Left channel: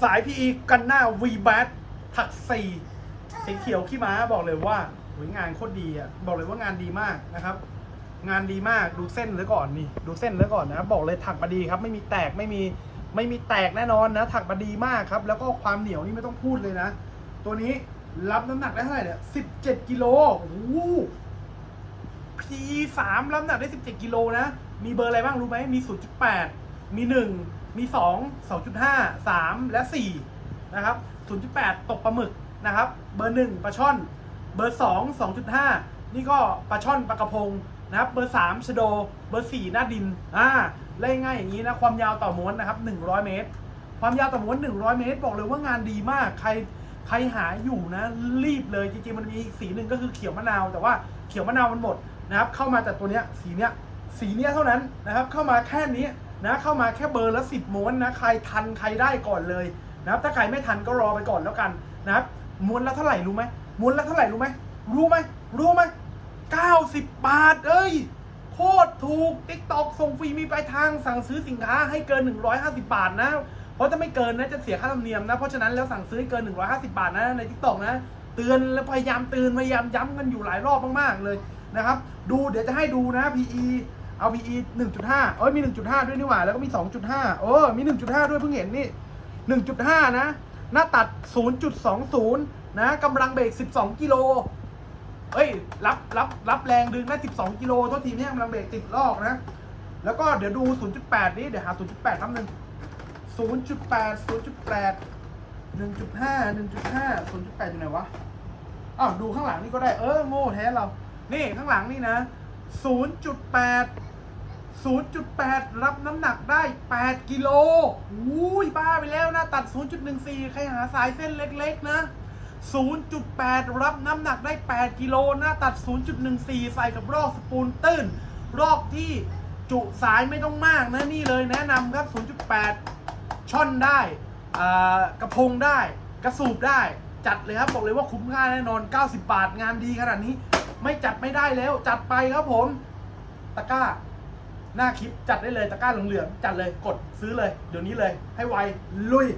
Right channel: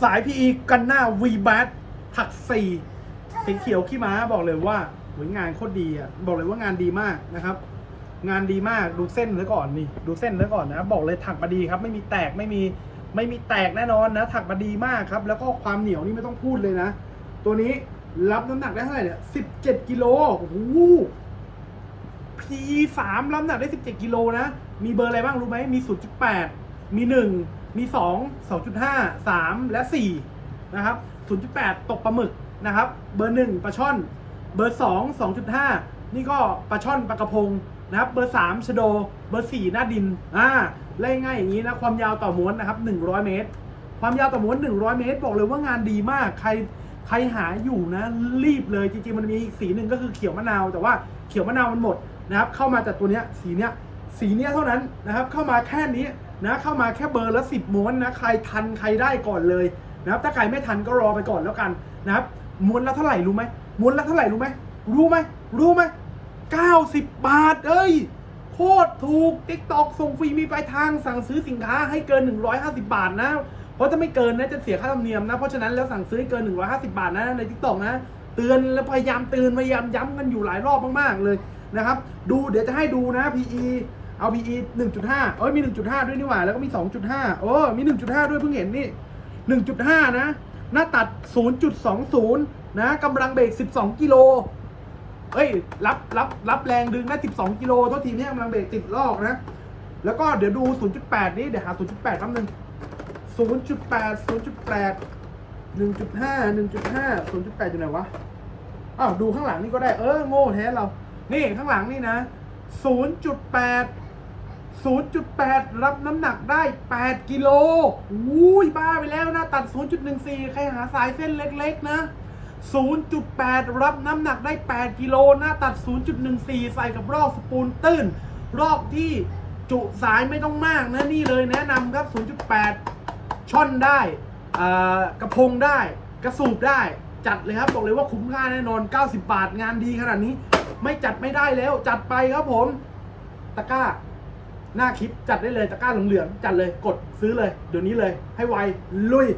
สาย PE กันหน้า V b a t ผักสี่สีเขียวขี้ม้าบอกเลยว่าหยงานโคตรดีอะ บอกเลยว่างานดีมากนะครับ งานดีมากดูเส้นไว้ก่อนนี่ ดูเส้นไว้ก่อนนะบอกเลยถักมาดีครับ ไม่มีแตกไม่มีไม่มีแตกแน่นอนนะ ถักมาดีมากครับ แล้วก็ความเหนียวนี่ไม่ต้องพูดเลยนะ ตัวนี้รับน้ำหนักได้เท่าไหร่เนี่ย17กิโลโอ้โห P สามรับน้ำหนักได้17กิโลนะ มีเบอร์อะไรบ้างรู้ไหมมี0.8มี1 มี2 2.5 3และ4นะครับ0.8ตกปลาหมึกนะครับ เบอร์1ปลาช่อน เบอร์2 2.5นี่ก็ปลาช่อนปลากระพงนะครับ เบอร์3ชโด เบอร์4หน้าดิน อ่าไล่ง่ายอย่างนี้นะ ความยาวต่อม้วนนะครับ100เมตร ความยาวต่อม้วน100เมตร บอกเลยว่างานดีมาก ใครใครหาอยู่นะ รีบเลย จริงๆ มันมีอีกสีหนึ่งก็คือเขียวมะนาว แต่ว่าเขียวมะนาวมันหมดนะครับ เข้ามาแต่ตัวเนี้ย สีเนี้ย สีเนี้ยเท่านั้นนะครับ เข้ามาแค่นี้ นะเข้ามาแค่เบอร์ละสิบม้วนนะใครทันใครได้ก่อนเลยนะครับถ้าใครไม่ทันก็รอไปก่อนแล้วกันนะครับม้วนละเท่าไหร่รู้ไหมม้วนละเท่าไหร่รู้ไหมรู้ไหมรู้ไหมเก้าสิบบาทเอ้ยโคตรถูกติ๊กตอกส่งฟรีมีปลายทางสั่งซื้อสินค้าให้เกิน 150 บาทนะ เพราะถ้าไม่เกินนะจะเสียค่าธรรมเนียมนะ เพราะฉะนั้นแล้วสั่งซื้อให้เกิน 150 บาทนะในทิกตอกนะ เตือนและพยายามเตือนพยายามย้ำกันอยู่หลายรอบมากๆเลยนะครับ ดูเดี๋ยวจะให้ดูนะ PE เอา PE 1.5 เอ้ยมี 1.5 ด้วยนี่หว่า แล้วก็มี 2.5 โอ้ มี 1.5 ด้วยเพิ่งเห็นนี่ 1.5 นะ หน้าตัด 0.20 นะกำลังเบรก 12 กิโลเอ้ย รับ รับ รับแรงดึงได้12 กิโลโทษทีเนี่ยกำลังเบรกติดลอกนะ แล้วก็เดี๋ยวดู 0.8 นี่ เดี๋ยวหา 0.8แป๊บนึง0.8 0.8 1.5 1.5 0.8อยู่ไหนวะ อ้าว ดูข้างหลังนี่ก็ได้ เออ โง่แท้เรา นี่ข้างหลังนี่นะ 0.8 0.8 รับน้ำหนักได้ 8 กิโลอุ้ยบ้าไปแล้วนะ ตัด 0.14 ใครหาสายเส้นเล็กๆนะ 0.8 รับน้ำหนักได้ 8 กิโลหน้าตัด 0.14 ใส่กับรอกสปูลตื้น รอกที่จุสายไม่ต้องมากนะ นี่เลยแนะนำครับ 0.8 ช่อนได้กระพงได้ กระสูบได้ จัดเลยครับ บอกเลยว่าคุ้มค่าแน่นอน 90 บาทงานดีขนาดนี้ ไม่จัดไม่ได้แล้ว จัดไปครับผม ตะกร้า หน้าคลิปจัดได้เลยตะกร้าเหลืองๆจัดเลยกดซื้อเลยเดี๋ยวนี้เลย ให้ไวลุย